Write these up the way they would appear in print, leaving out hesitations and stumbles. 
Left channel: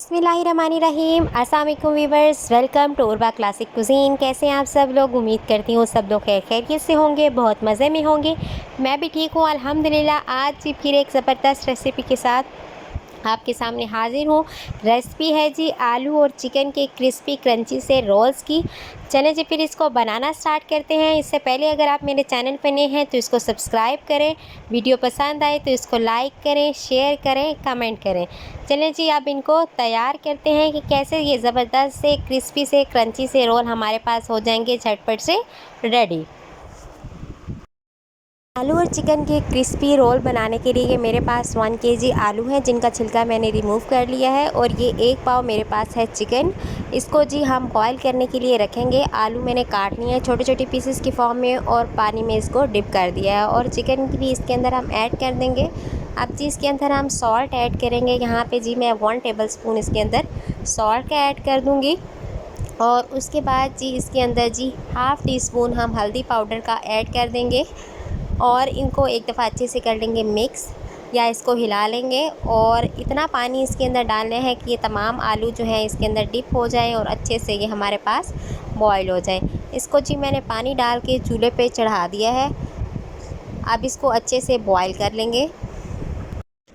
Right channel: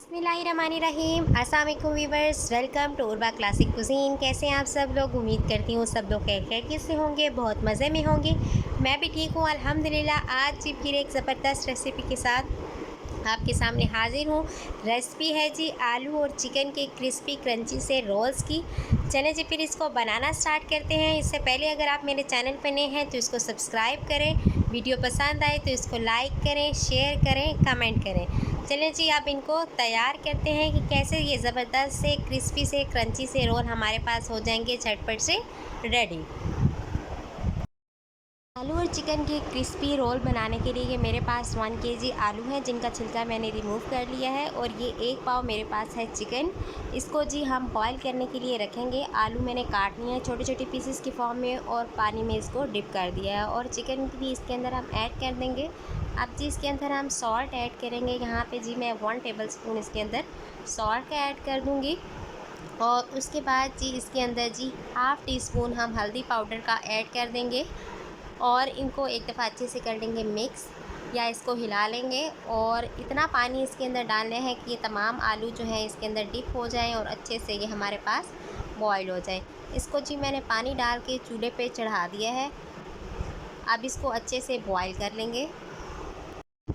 बिस्मिल्लाहिर्रहमानिर्रहीम। अस्सलाम वालेकुम viewers, welcome to Urwa classic cuisine. कैसे हैं आप सब लोग? उम्मीद करती हूँ सब लोग खैरियत से होंगे, बहुत मज़े में होंगे। मैं भी ठीक हूँ अल्हम्दुलिल्लाह। आज फिर एक ज़बरदस्त रेसिपी के साथ आपके सामने हाजिर हूँ। रेसिपी है जी आलू और चिकन के क्रिस्पी क्रंची से रोल्स की। चलें जी फिर इसको बनाना स्टार्ट करते हैं। इससे पहले अगर आप मेरे चैनल पर नए हैं तो इसको सब्सक्राइब करें, वीडियो पसंद आए तो इसको लाइक करें, शेयर करें, कमेंट करें। चलें जी अब इनको तैयार करते हैं कि कैसे ये ज़बरदस्त से क्रिस्पी से क्रंची से रोल हमारे पास हो जाएंगे झटपट से रेडी। आलू और चिकन के क्रिस्पी रोल बनाने के लिए मेरे पास 1 केजी आलू है जिनका छिलका मैंने रिमूव कर लिया है, और ये 1 पाव मेरे पास है चिकन। इसको जी हम बॉईल करने के लिए रखेंगे। आलू मैंने काट लिए हैं छोटे छोटे पीसेस की फॉर्म में और पानी में इसको डिप कर दिया है, और चिकन भी इसके अंदर हम ऐड कर देंगे। अब जी इसके अंदर हम सॉल्ट ऐड करेंगे। यहाँ पे जी मैं 1 टेबलस्पून इसके अंदर सॉल्ट का ऐड कर दूँगी, और उसके बाद जी इसके अंदर जी हाफ़ टी स्पून हम हल्दी पाउडर का ऐड कर देंगे, और इनको एक दफ़ा अच्छे से कर लेंगे मिक्स, या इसको हिला लेंगे। और इतना पानी इसके अंदर डालना है कि ये तमाम आलू जो है इसके अंदर डिप हो जाएं और अच्छे से ये हमारे पास बॉईल हो जाए। इसको जी मैंने पानी डाल के चूल्हे पे चढ़ा दिया है। अब इसको अच्छे से बॉईल कर लेंगे।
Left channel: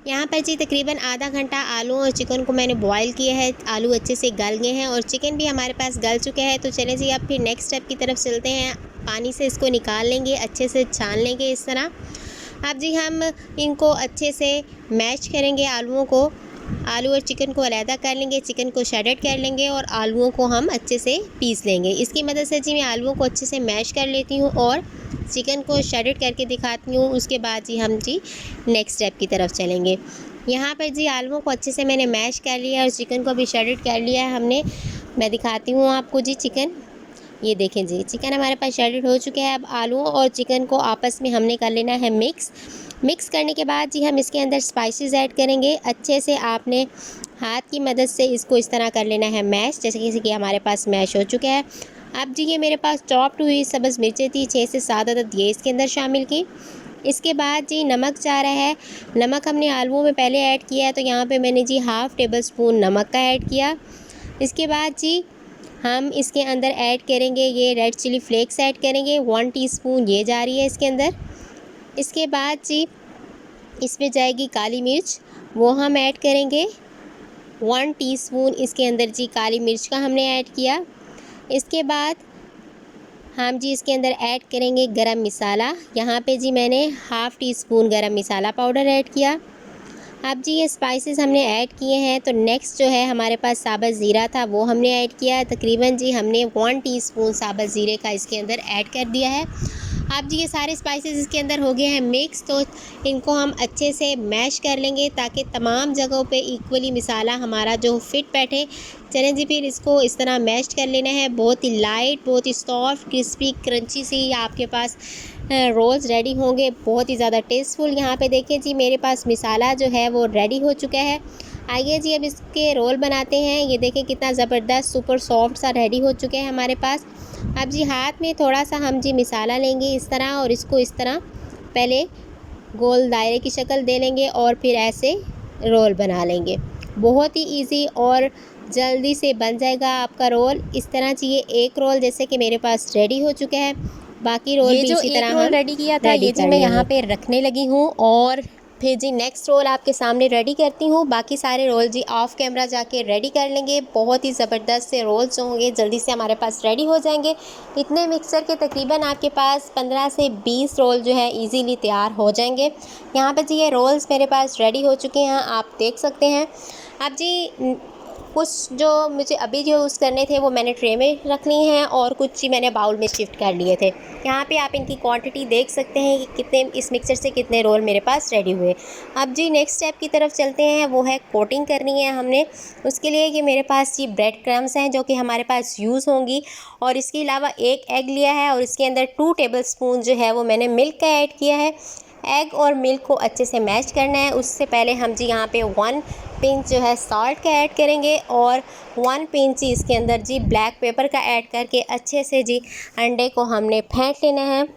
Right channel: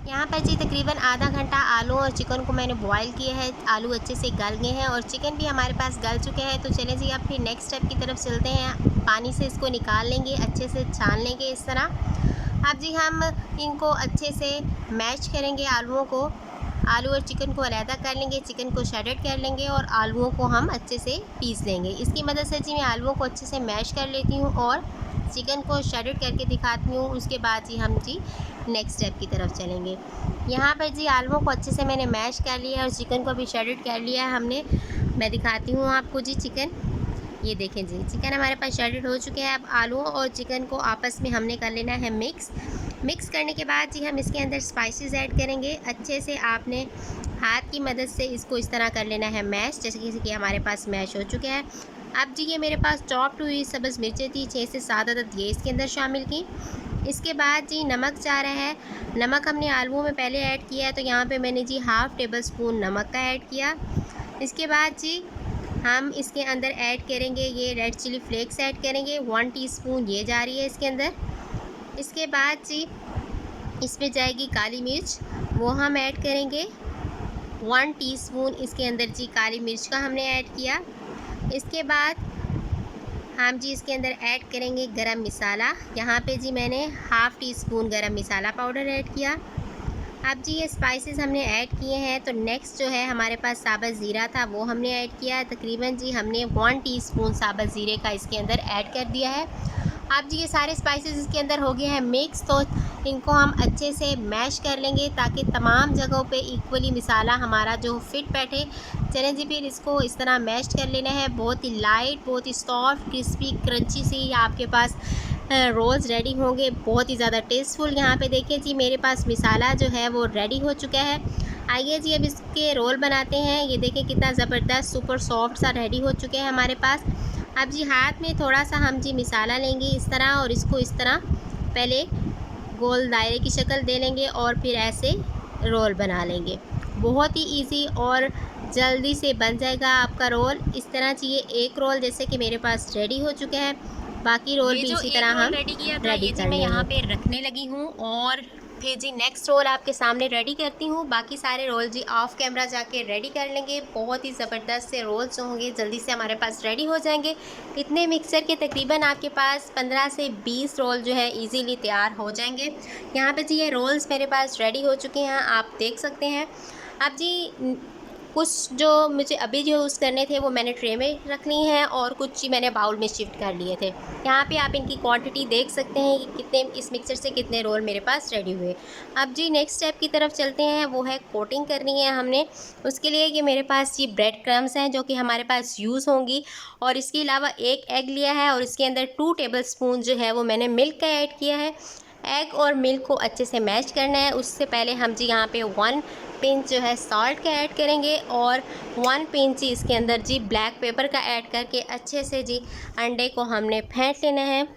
यहाँ पर जी तकरीबन आधा घंटा आलू और चिकन को मैंने बॉईल किया है। आलू अच्छे से गल गए हैं और चिकन भी हमारे पास गल चुके हैं। तो चलें जी अब फिर नेक्स्ट स्टेप की तरफ चलते हैं। पानी से इसको निकाल लेंगे, अच्छे से छान लेंगे इस तरह। अब जी हम इनको अच्छे से मैश करेंगे आलूओं को। आलू और चिकन को अलहदा कर लेंगे, चिकन को शेडेड कर लेंगे और आलूओं को हम अच्छे से पीस लेंगे। इसकी मदद से जी मैं आलूओं को अच्छे से मैश कर लेती हूँ और चिकन को शेडेड करके दिखाती हूँ। उसके बाद जी हम जी नेक्स्ट स्टेप की तरफ चलेंगे। यहाँ पर जी आलूओं को अच्छे से मैंने मैश कर लिया और चिकन को भी शेडेड कर लिया है हमने। मैं दिखाती हूँ आपको जी चिकन। ये देखें जी चिकन हमारे पास शेडेड हो चुके हैं। अब आलूओं और चिकन को आपस में हमने कर लेना है मिक्स करने के बाद जी हम इसके अंदर स्पाइसेस ऐड करेंगे। अच्छे से आपने हाथ की मदद से इसको इस तरह कर लेना है मैश, जैसे कि हमारे पास मैश हो चुका है। अब जी ये मेरे पास चॉप्ड हुई सब्ज़ मिर्चें थी 6 से 7 अदद, ये इसके अंदर शामिल की। इसके बाद जी नमक जा रहा है। नमक हमने आलूओं में पहले ऐड किया है, तो यहाँ पे मैंने जी हाफ़ टेबल स्पून नमक का ऐड किया। इसके बाद जी हम इसके अंदर ऐड करेंगे ये रेड चिली फ्लेक्स ऐड करेंगे, 1 टीस्पून ये जा रही है इसके अंदर। इसके बाद जी इसमें जाएगी काली मिर्च, वो हम ऐड करेंगे 1 टीस्पून इसके अंदर जी काली मिर्च का हमने ऐड किया। इसके बाद हम जी इसके अंदर ऐड करेंगे गरम मसाला। यहाँ पे जी मैंने हाफ़ टी स्पून गरम मसाला पाउडर ऐड किया। अब जी ये स्पाइसेस हमने ऐड किए हैं, तो नेक्स्ट जो है हमारे पास साबुत ज़ीरा था वो हमने ऐड किया। तकरीबन जी हमने 1 टीस्पून साबुत ज़ीरे का इसके अंदर ऐड कर दिया है। अब जी ये सारे स्पाइसेस इसके अंदर हो गए हैं मिक्स, तो इनको हम अच्छे से मैश कर लेंगे ताकि तमाम जगहों पे इक्वली मसाला हमारा जो फिट बैठे। चलें जी फिर इसको इस तरह मैश कर लेना है। बहुत ही लाइट, बहुत ही सॉफ्ट, क्रिस्पी, क्रंची सी आपके पास रोल्स रेडी होंगे, बहुत ही ज़्यादा टेस्टफुल। यहाँ पे देखिए जी मेरे पास मसाला जो है वो रेडी हो चुका है। आइए जी अब इसके रोल बनाते हैं। ये देखें कितना ज़बरदस्त सुपर सॉफ्ट सा रेडी हो चुके हैं हमारे पास। अब जी हाथ में थोड़ा सा हम जी मसाला लेंगे इस तरह, और इसको इस तरह पहले गोल दायरे की शक्ल दे लेंगे और फिर ऐसे रोल बना लेंगे। बहुत ही इजी और जल्दी से बन जाएगा आपका रोल। इस तरह चाहिए एक रोल जैसे कि मेरे पास रेडी हो चुका है, बाकी रोल ये भी जो इसी एक तरह रोल हम रेडी किया था रेडी ये जी कर मैं यहाँ लेंगे। पे रखने लगी हूँ, और फिर जी नेक्स्ट रोल आपके सामने रेडी करती हूँ। बाकी सारे रोल जी ऑफ कैमरा जाके रेडी कर लेंगे। बहुत ही ज़बरदस्त से रोल्स जो होंगे जल्दी से हमारे पास रेडी हो जाएंगे। इतने मिक्सचर के तकरीबन आपके पास 15 से 20 रोल जो है इजीली तैयार हो जाएंगे। यहाँ पर जी ये रोल्स मेरे पास रेडी हो चुके हैं, आप देख सकते हैं। अब जी कुछ जो मुझे अभी जो यूज़ करने थे वो मैंने ट्रे में रखनी है, और कुछ ही मैंने बाउल में शिफ्ट कर लिए थे। यहाँ पे आप इनकी क्वांटिटी देख सकते हैं कि कितने इस मिक्सचर से कितने रोल मेरे पास रेडी हुए। अब जी नेक्स्ट स्टेप की तरफ चलते हैं, वो है कोटिंग करनी है हमने। उसके लिए ये मेरे पास ये ब्रेड क्रम्स हैं जो कि हमारे पास यूज़ होंगी, और इसके अलावा 1 एग लिया है और इसके अंदर 2 टेबलस्पून जो है वो मैंने मिल्क का ऐड किया है। एग और मिल्क को अच्छे से मैश करना है। उससे पहले हम जी यहाँ पे 1 पिंच जो है सॉल्ट का ऐड करेंगे, और 1 पिंच ही इसके अंदर जी ब्लैक पेपर का ऐड करके अच्छे से जी अंडे को हमने फेंट लेना है।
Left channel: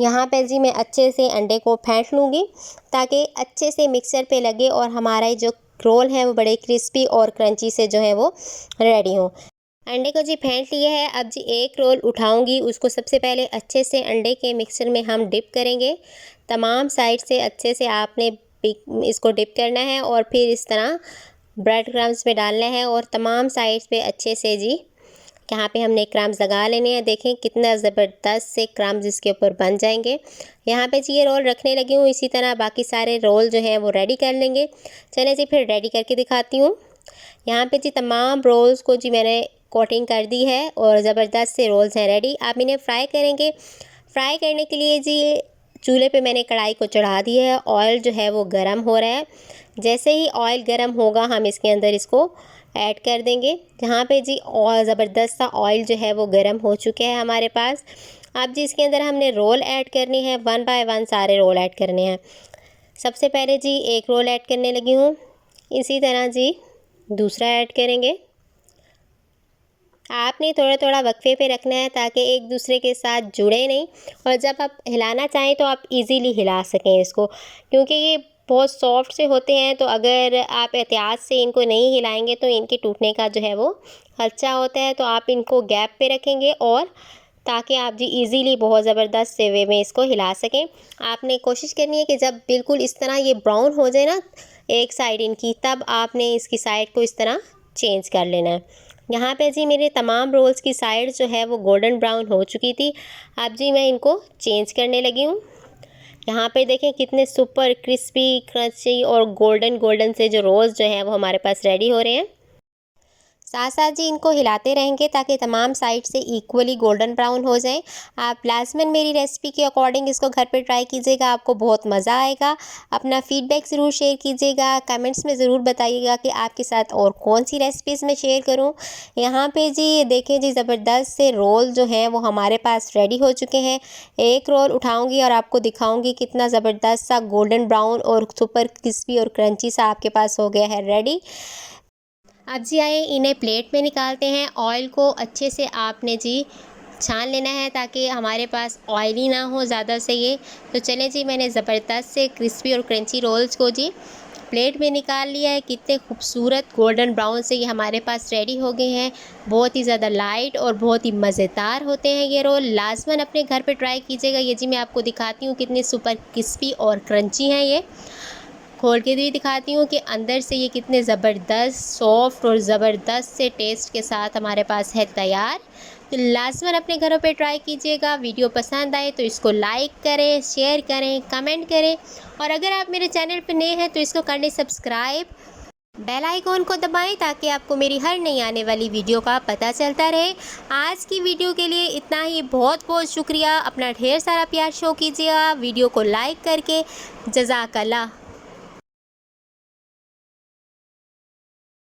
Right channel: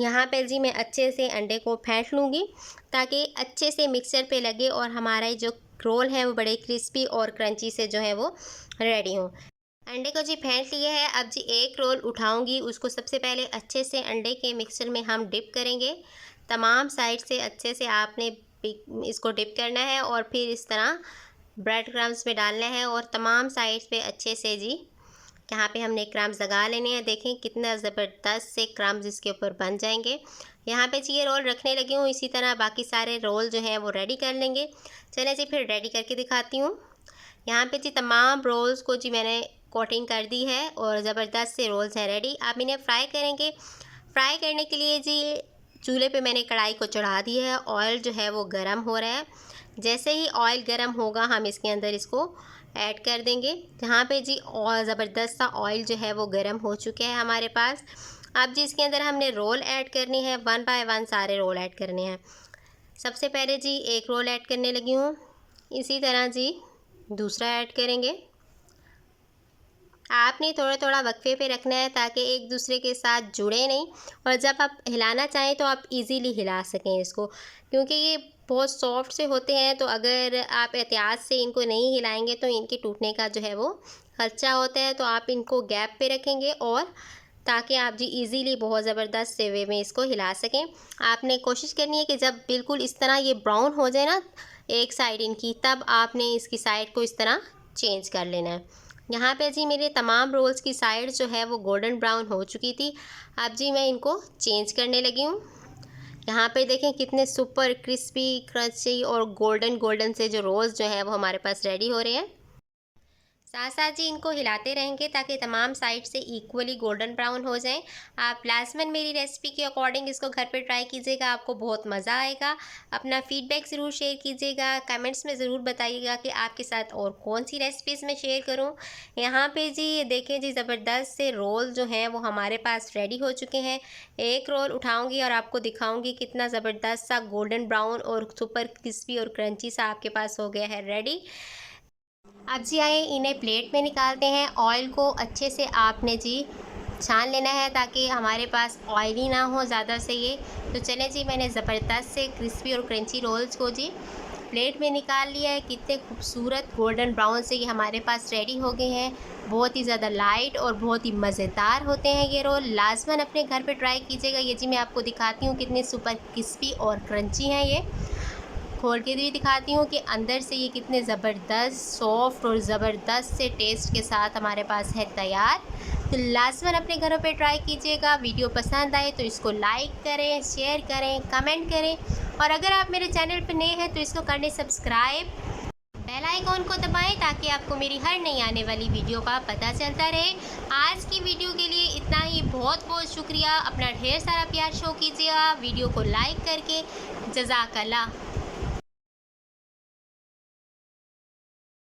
यहाँ पे जी मैं अच्छे से अंडे को फेंट लूँगी ताकि अच्छे से मिक्सर पे लगे और हमारा जो रोल हैं वो बड़े क्रिस्पी और क्रंची से जो है वो रेडी हों। अंडे को जी फेंट लिए है। अब जी एक रोल उठाऊंगी, उसको सबसे पहले अच्छे से अंडे के मिक्सचर में हम डिप करेंगे। तमाम साइड से अच्छे से आपने इसको डिप करना है और फिर इस तरह ब्रेड क्रम्स में डालना है और तमाम साइड पे अच्छे से जी यहाँ पे हमने क्रम्स लगा लेने हैं। देखें कितना ज़बरदस्त से क्रम्स इसके ऊपर बन जाएंगे। यहाँ पे जी ये रोल रखने लगी हूँ। इसी तरह बाकी सारे रोल जो हैं वो रेडी कर लेंगे। चलें जी फिर रेडी करके दिखाती हूँ। यहाँ पे जी तमाम रोल्स को जी मैंने कोटिंग कर दी है और ज़बरदस्त से रोल्स हैं रेडी। आप इन्हें फ्राई करेंगे। फ्राई करने के लिए जी चूल्हे पे मैंने कढ़ाई को चढ़ा दी है। ऑयल जो है वो गर्म हो रहा है। जैसे ही ऑयल गर्म होगा हम इसके अंदर इसको ऐड कर देंगे। जहाँ पे जी और ज़बरदस्त सा ऑयल जो है वो गर्म हो चुके हैं हमारे पास। अब जी इसके अंदर हमने रोल ऐड करने हैं, 1 बाय 1 सारे रोल ऐड करने हैं। सबसे पहले जी एक रोल ऐड करने लगी हूँ। इसी तरह जी दूसरा ऐड करेंगे। आपने थोड़ा थोड़ा वक्फे पे रखना है ताकि एक दूसरे के साथ जुड़े नहीं, और जब आप हिलाना चाहें तो आप इजीली हिला सकें इसको, क्योंकि ये बहुत सॉफ्ट से होते हैं। तो अगर आप एहतियात से इनको नहीं हिलाएंगे तो इनके टूटने का जो है वो खदशा होता है। तो आप इनको गैप पे रखेंगे और ताकि आप जी इजीली बहुत ज़बरदस्त से वे में इसको हिला सकें। आपने कोशिश करनी है कि जब बिल्कुल इस तरह ये ब्राउन हो जाए ना एक साइड इनकी, तब आपने इसकी साइड को इस तरह चेंज कर लेना है। यहाँ पे जी मेरे तमाम रोल्स की साइड जो है वो गोल्डन ब्राउन हो चुकी थी। अब जी मैं इनको चेंज करने लगी हूँ। यहाँ पे देखें कितने सुपर क्रिस्पी क्रंची और गोल्डन गोल्डन से जो रोल्स जो हैं वो हमारे पास रेडी हो रहे हैं। साथ साथ जी इनको हिलाते रहेंगे ताकि तमाम साइड से इक्वली गोल्डन ब्राउन हो जाए। आप लाजमन मेरी रेसिपी के अकॉर्डिंग इसको घर पे ट्राई कीजिएगा, आपको बहुत मज़ा आएगा। अपना फीडबैक ज़रूर शेयर कीजिएगा, कमेंट्स में ज़रूर बताइएगा कि आपके साथ और कौन सी रेसिपीज़ मैं शेयर करूं। यहाँ पे जी देखें जी ज़बरदस्त से रोल जो हैं वो हमारे पास रेडी हो चुके हैं। एक रोल उठाऊँगी और आपको दिखाऊँगी कितना ज़बरदस्त सा गोल्डन ब्राउन और सुपर क्रिस्पी और क्रंची सा आपके पास हो गया है रेडी। अब जी आए इन्हें प्लेट में निकालते हैं। ऑयल को अच्छे से आपने जी छान लेना है ताकि हमारे पास ऑयली ना हो ज़्यादा से ये। तो चलें जी मैंने ज़बरदस्त से क्रिस्पी और क्रंची रोल्स को जी प्लेट में निकाल लिया है। कितने खूबसूरत गोल्डन ब्राउन से ये हमारे पास रेडी हो गए हैं। बहुत ही ज़्यादा लाइट और बहुत ही मज़ेदार होते हैं ये रोल। लाजमन अपने घर पे ट्राई कीजिएगा। ये जी मैं आपको दिखाती हूँ कितने सुपर क्रिस्पी और क्रंची हैं। ये खोल के भी दिखाती हूँ कि अंदर से ये कितने ज़बरदस्त सॉफ्ट और ज़बरदस्त से टेस्ट के साथ हमारे पास है तैयार। तो लाजमन अपने घरों पे ट्राई कीजिएगा। वीडियो पसंद आए तो इसको लाइक करें, शेयर करें, कमेंट करें, और अगर आप मेरे चैनल पर नए हैं तो इसको कर लें सब्सक्राइब। बेल आइकॉन को दबाएं ताकि आपको मेरी हर नई आने वाली वीडियो का पता चलता रहे। आज की वीडियो के लिए इतना ही। बहुत बहुत शुक्रिया। अपना ढेर सारा प्यार शो कीजिएगा वीडियो को लाइक करके। जज़ाकल्लाह।